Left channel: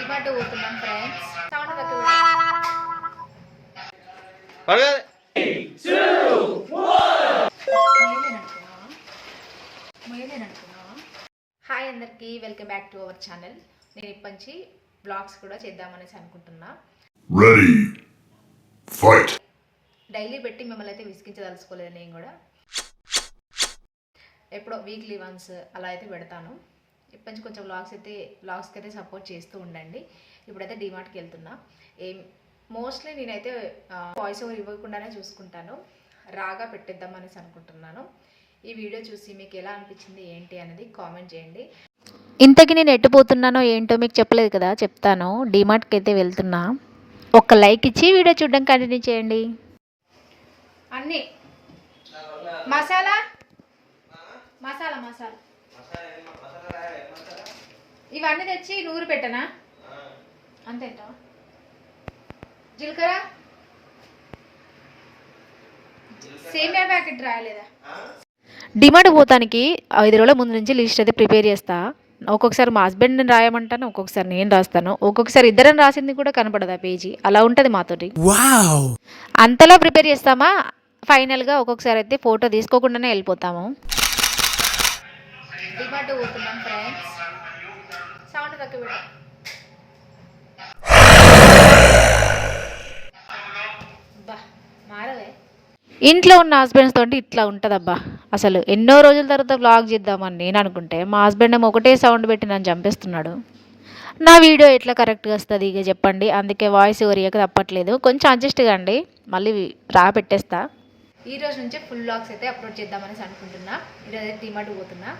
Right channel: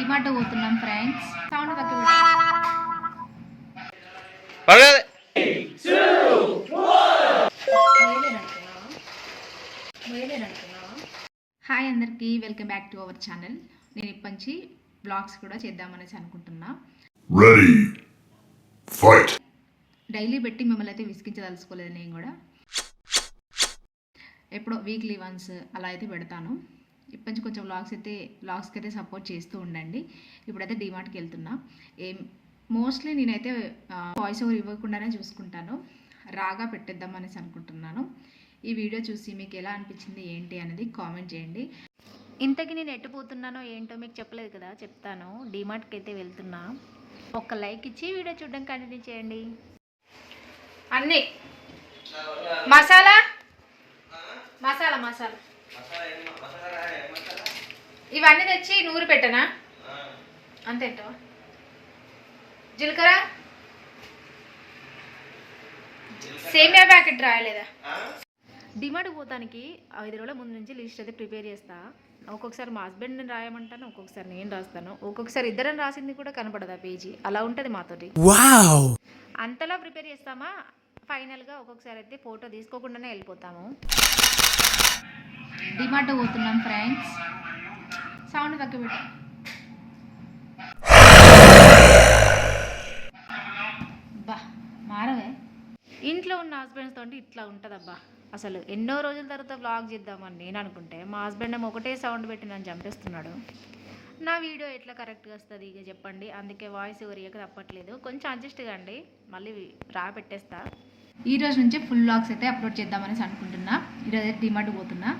డిమార్ట్ పోతున్నాం friends. Sound తక్కువ. Hi అందరికీ, welcome back to our channel. నేను ఇప్పటి నుంచి బ్లాగ్స్ కూడా చేద్దామనేసి అనుకుంటున్నా. Ready fight. డైలీ పెట్టి మిమ్మల్ని అయితే విసిగించదలుచుకోలేదు. నేను కూడా ఎప్పుడో వీక్లీ వన్స్ అలా అయితే పెడతాను. ఇప్పటి నుంచి కొంచెం బ్లాగ్స్కి అయితే సపోర్ట్ చేస్తూ ఉండండి. ఇప్పుడైతే డిమార్ట్కి వెళ్తున్నా. మోస్ట్లీ నేనైతే వాయిస్ ఓవర్ ఇవ్వకుండానే చూసుకుంటాను. రాగా పెట్టేద్దాం అనేసి అనుకుంటున్నాను. ఈ వీడియో చూసి మీకు ఎలా అనిపించింది ఏంటి అనేది కామెంట్ చేయండి. ఇంతకీ నేను ఎట్టుపోతున్నానో ఏంటో మీకు చెప్పలేదు కదా, చెప్తాను. డిమార్ట్కి అయితే వెళ్తున్నా. ఒక లైక్ ఇచ్చి వీడియో చూడడం కంటిన్యూ చేయండి. అన్నీ మసాలా మసాలా మసాలా ఇవన్నీ తెచ్చి నూరు పెట్టనా? అంతేంటో. జీలకర్ర సేమియా ప్యాకెట్ రాయలేదా? డిమార్ట్ పోతానికి 5 రోజుల ముందు నుంచి లిస్ట్ అయితే ప్రిపేర్ చేస్తా. ఒక్కొక్కసారి మా హస్బెండ్ని రాయమంటాను, ఒక్కొక్కసారి నేను రాస్తాను, ఒక్కొక్కసారి ఇద్దరం రాసింది కూడా కనపడదు ఆ పేజీ. అలా ఉంటుంది మాతోటి. అంతలా ప్రిపేర్ చేస్తామా, ఫైనల్గా ఒక్కొక్కసారి అయితే ఫోటో తీసుకోకుండానే వెళ్ళిపోతాము. డిమార్ట్ పోతున్నాం ఫ్రెండ్స్. సౌండ్ తక్కువ పెట్టు. మారవే. ఇంట్లో ఉన్న హస్బెండ్స్ తోటి ఇట్లా ఉంటుందబ్బా. అసలు ఎన్నో రోజుల తర్వాత వ్లాగ్ చేద్దామని నేను అనుకుంటే మా హస్బెండ్ ఏమో ఒకటే సౌండ్ పెట్టి నన్ను చంపేస్తున్నాడు. నా వీడియో ఎట్లా కరెక్ట్గా వస్తుంది ఇక చెప్పండి. అందుకే వాయిస్ ఓవర్ ఇవ్వక తప్పట్లేదు. కొంచెం అడ్జస్ట్ కాండి, మళ్ళీ పెట్టేస్తా. ఈ రోజు నుంచి ఫుల్ వ్లాగ్స్ అయితే అప్లోడ్ చేద్దామనేసి అనుకుంటున్నా. ఈరోజు అయితే డిమార్ట్ పోతున్నా.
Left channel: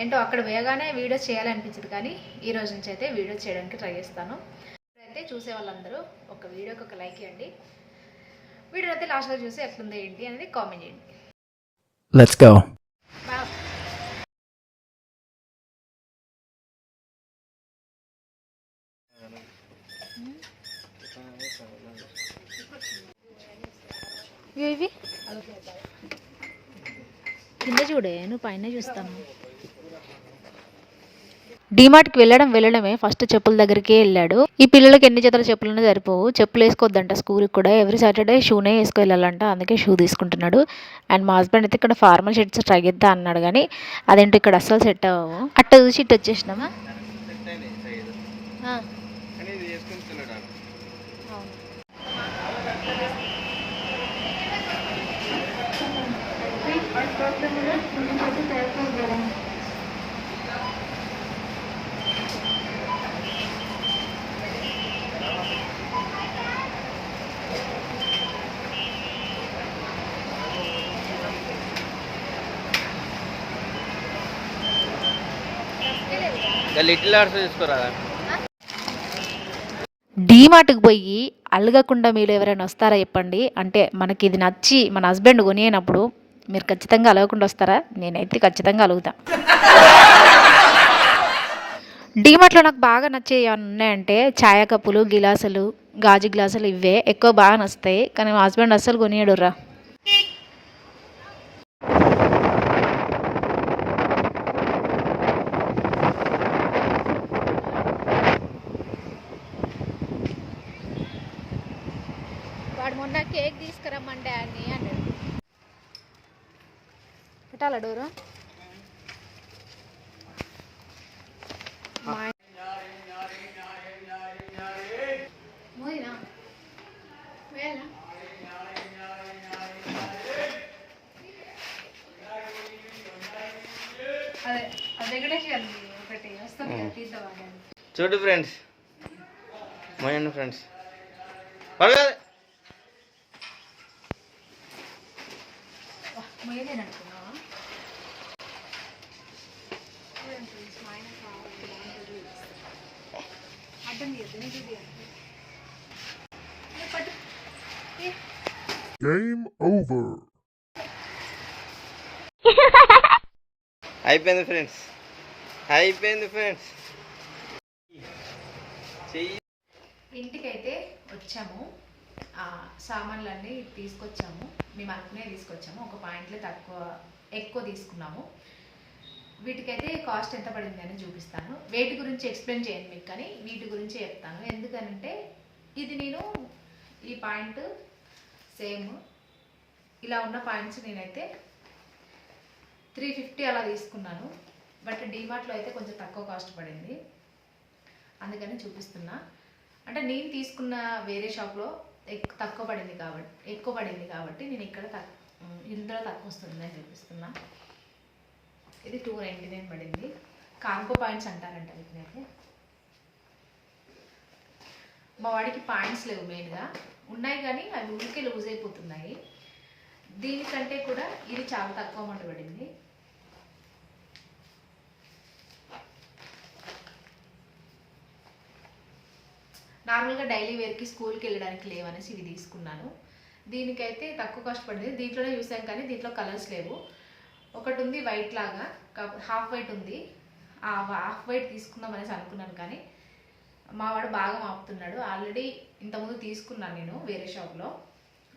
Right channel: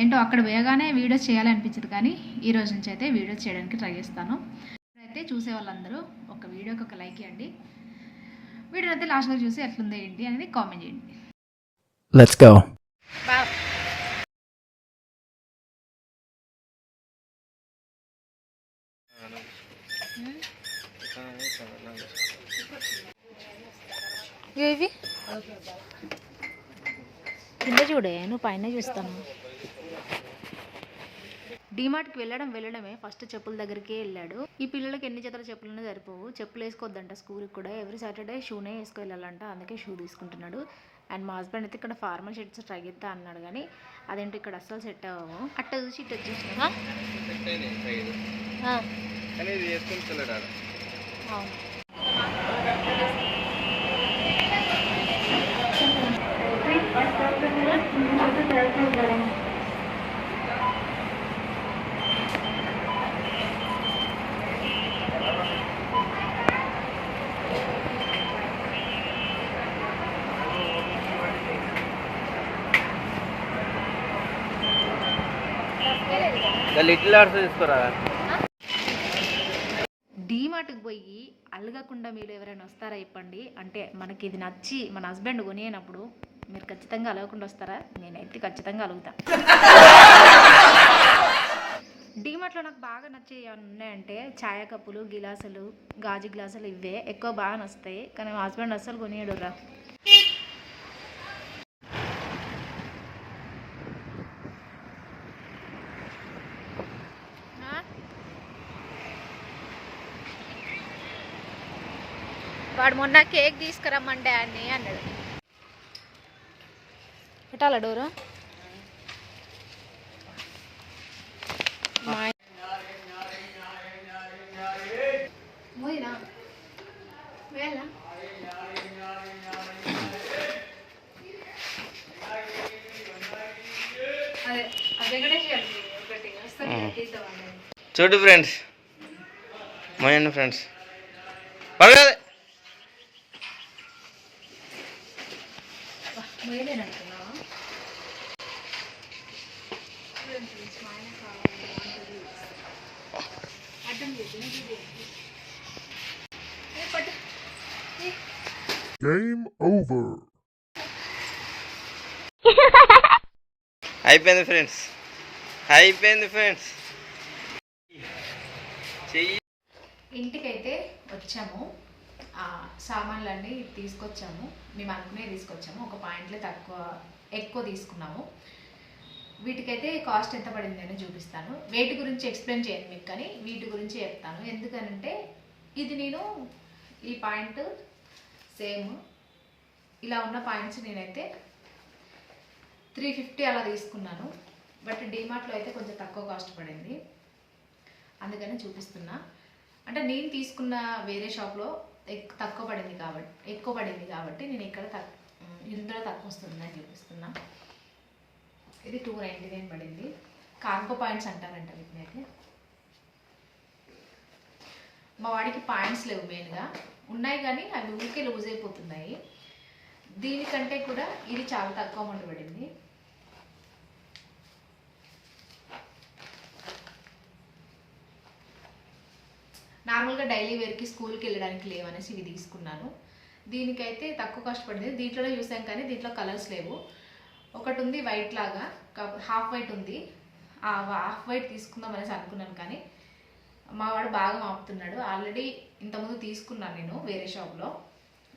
ఏంటో అక్కడ వేయగానే వీడియోస్ చేయాలనిపించదు, కానీ ఈ రోజు నుంచి అయితే వీడియోస్ చేయడానికి ట్రై చేస్తాను. ఇప్పుడైతే చూసే వాళ్ళందరూ ఒక వీడియోకి ఒక లైక్ ఇవ్వండి. వీడియో అయితే లాస్ట్లో చూసి ఎట్లుందో ఏంటి అనేది కామెంట్ చేయండి. Let's go. ఇవి కింద చూడే, నువ్వు పైన చూస్తాను. డిమార్ట్కి వెళ్ళడమే ఫస్ట్ చెప్పుల దగ్గరికే వెళ్ళాడు. ఈ పిల్లలకి ఎన్ని జతల చెప్పులు సరిపోవు. చెప్పులు వేసుకోవద్దంట స్కూల్కి కూడా. ఎవ్రీ సాటర్డే షూనే వేసుకు వెళ్ళాలంట. అందుకే షూ తీసుకుంటున్నాడు. అండ్ మా హస్బెండ్ అయితే ఇక్కడ ఫార్మల్ షర్ట్స్ ట్రై చేద్దా అన్నాడు, కానీ అదేంటో ఇక్కడ అస్సలు సెట్ అవ్వవు. అట్ట చూసి ఇటు వచ్చేసినామా. లిటిల్ ఆర్ట్స్ తీసుకోరా. డీమార్ట్కి పోయి అలగకుండా మీరు ఎవరైనా వస్తారా చెప్పండి. అంటే మనకి ఇది నచ్చి మన హస్బెండ్ కొనియనప్పుడు మీరు ఖచ్చితంగా అలగకుండా వస్తారా? నేనైతే ఖచ్చితంగా అలుగుతా. డీమార్ట్లో నాకు బాగా నచ్చేవి ఉన్నాయంటే ఛాయ కప్పులు, గిలాసులు, గాజు గ్లాసులు, ఇవే ఎక్కువ బాగా నచ్చుతాయి. కానీ మా హస్బెండ్ అస్సలు కొనియడురా. వాడు మొన్న కేక్ తీసుకురమ్మంటే అని అన్నాడు. పెట్టాలా డోరు? చూడు ఫ్రెండ్స్, మోయన్న ఫ్రెండ్స్ పర్వాలేదు. Game over. అయిపోయింది ఫ్రెండ్స్, అయిపోయింది ఫ్రెండ్స్. ఇంటికైతే వచ్చాము. సామాన్లన్నీ తీసుకొచ్చాము. మేము అనుకునే తీసుకొచ్చాము. ఒక పాయింట్లో ఎక్కువ తీసుకున్నాము. వీటికైతే కాస్ట్ ఎంత పడింది అని చూపిస్తాను. వెయిట్ గురించి ఎక్స్ప్లెయిన్ చేయను మీకు, కానీ వీటి గురించి చెప్తాను. ఎందుకనంటే ఇది నేను ఈ పాయింట్ సేమ్ ఇలా ఉన్న పాయింట్స్ నేనైతే 350 అలా తీసుకున్నాను. బట్ డీమార్ట్లో అయితే కొంచెం తక్కువ కాస్ట్ పడింది, అందుకని చూపిస్తున్నా. అంటే నేను తీసుకున్న వేరే షాప్లో ఎక్కువ పడింది కాబట్టి నేను ఇక్కడ ఇందులో తక్కువ వస్తుందని చూపిస్తున్నా. ఇది 299 పడింది. కార్గో పాయింట్స్ అంటారంట వీటిని. అయితే మా వాడికి పాయింట్స్ లేవు, మెయిన్గా ఉన్నాయి కానీ అవి ఊరికే లూజ్ అయిపోతున్నాయి. దీనికంటే కూడా ఇది చాలా తక్కువ అమౌంట్ పడింది. నార్మల్గా డైలీ వేర్కి స్కూల్కి వెళ్ళడానికి లేవనేసి ఇవి తీసుకున్నాను. దీనికైతే తక్కువ కాస్ట్ పడింది. దీంట్లోనే చూసాం కానీ దీంట్లో కలర్స్ లేవు. ఒకటి ఉంది వైట్ లాగా, హాఫ్ వైట్ ఉంది. ఆ హాఫ్ వైట్ తీసుకుందాం అనేసి అనుకున్నాను, కానీ మా వాడు బాగా మాపుతున్నాడు. ఆల్రెడీ ఇంతకుముందు తీసుకున్నాను నేను వేరే షాప్లో,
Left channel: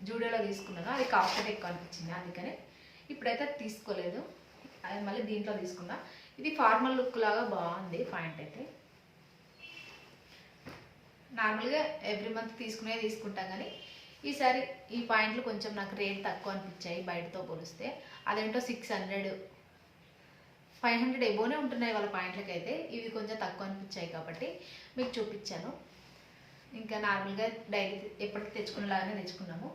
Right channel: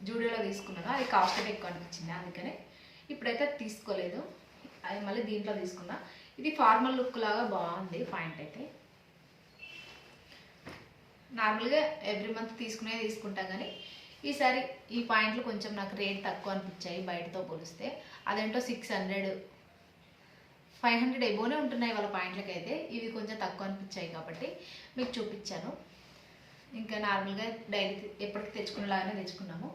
జూడియోలో తీసుకున్నాను. అది కాస్ట్ అయితే ఎక్కువ అనిపించింది, అందుకని ఇప్పుడైతే తీసుకోలేదు. అది మళ్ళీ దీంట్లో తీసుకున్నా. ఇది ఫార్మల్ లుక్ లాగా బాగుంది పాయింట్ అయితే. నార్మల్గా ఎవ్రీ మంత్ తీసుకుంటాం, కానీ ఈసారి ఈ పాయింట్లు కొంచెం నాకు రేట్ తక్కువ అనిపించాయి బయటతో పోలిస్తే. అదేంటో 600 500 ఎబోనే ఉంటున్నాయి వాళ్ళ పాయింట్లకి. అయితే ఇవి కొంచెం తక్కువ అనిపించాయి కాబట్టి మీకు చూపించాను. ఇంకా నార్మల్గా డైలీ ఎప్పటికి తెచ్చుకునేలాగానే తెచ్చుకున్నాము.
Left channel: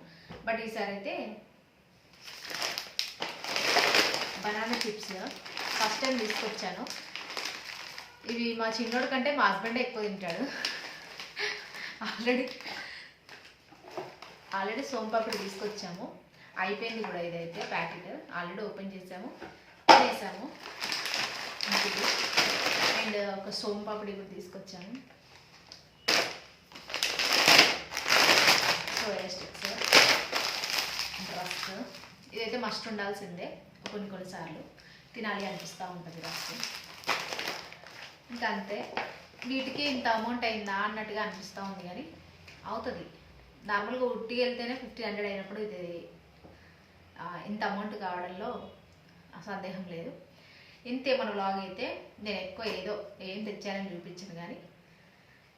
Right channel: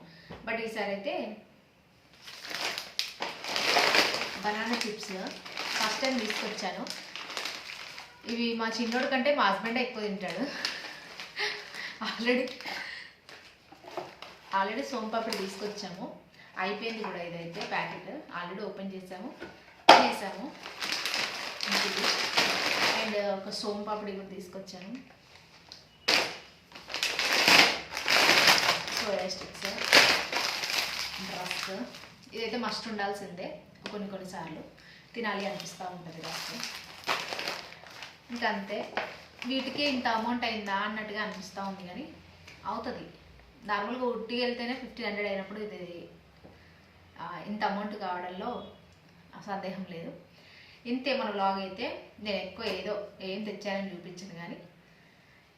బట్ ఈసారి అయితే బనానా చిప్స్ ఫస్ట్ టైం తీసుకొచ్చాను. ఇవి మా చిన్నోడి కంటే మా హస్బెండే ఎక్కువ తింటాడు. ఆల్రెడీ సోంపాపిడి తీసుకొచ్చాము, అయిపోయింది కూడా. ఇదైతే ప్యాకెట్ ఆల్రెడీ ఓపెన్ చేసాము, తినేసాము. అండ్ ఒక సోంపాపిడి కూడా తీసుకొచ్చాను, సోయా స్టిక్స్, రస్క్. ఇదైతే మస్ట్ ఉండాల్సిందే, కొన్నిసార్లు తినాలి అనిపిస్తూ ఉంటుంది రస్క్. ఇంకా అంతే. వీటికి ఇంత అమౌంట్ అయిందా అన్నట్టుగా అనిపిస్తూ ఉంది, కానీ అవుతుంది. నార్మల్గా ఉట్టికి వెళ్తేనే 1500 అయినప్పుడు ఇది ఇంత అమౌంట్ కావడంలో సందేహం లేదు. ఇంతే మన వ్లాగ్ అయితే. నేను ఎక్కువ ఏం తెచ్చానని చూపించాను, కానీ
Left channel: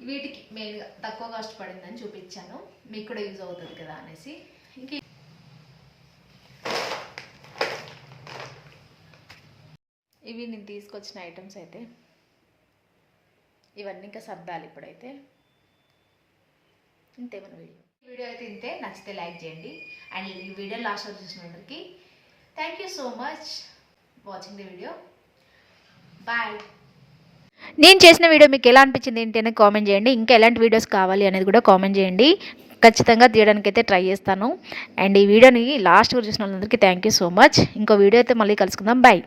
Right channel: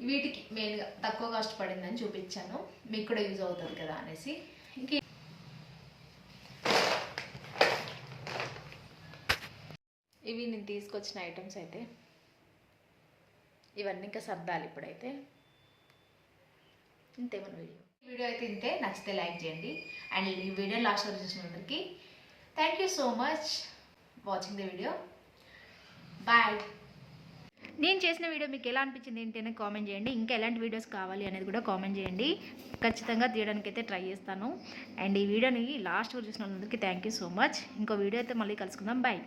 వీటికి మెయిన్గా తక్కువ కాస్ట్ పడిందని చూపించాను. మీకు కూడా యూజ్ అవుతుంది కదా అనేసి. ఇంక ఇవి నేను తీసుకొచ్చిన ఐటమ్స్ అయితే. ఇవన్నీ ఇంకా సర్దాలి ఇప్పుడైతే. ఇంతే మన వీడియో అయితే ఇంతే. నచ్చితే లైక్ చేయండి. అండ్ ఈ వీడియో లాస్ట్ వరకు చూసినందరికీ thank you so much watching the video. Bye. నేను చేసిన వీడియో మీకు ఎలా అనిపించింది ఏంటి అనేది కామెంట్ చేయండి. ఇంకా ఎలాంటి వీడియోస్ కావాలి అనేది కూడా కామెంట్ చేయండి. ఖచ్చితంగా తీయడానికి అయితే ట్రై చేస్తాను. అండ్ ఈ వీడియోని లాస్ట్ వరకు చూసిన వాళ్ళందరికీ థ్యాంక్ యూ సో మచ్. ఇంకో వీడియో అయితే మళ్ళీ కలుసుకుందాం. బాయ్.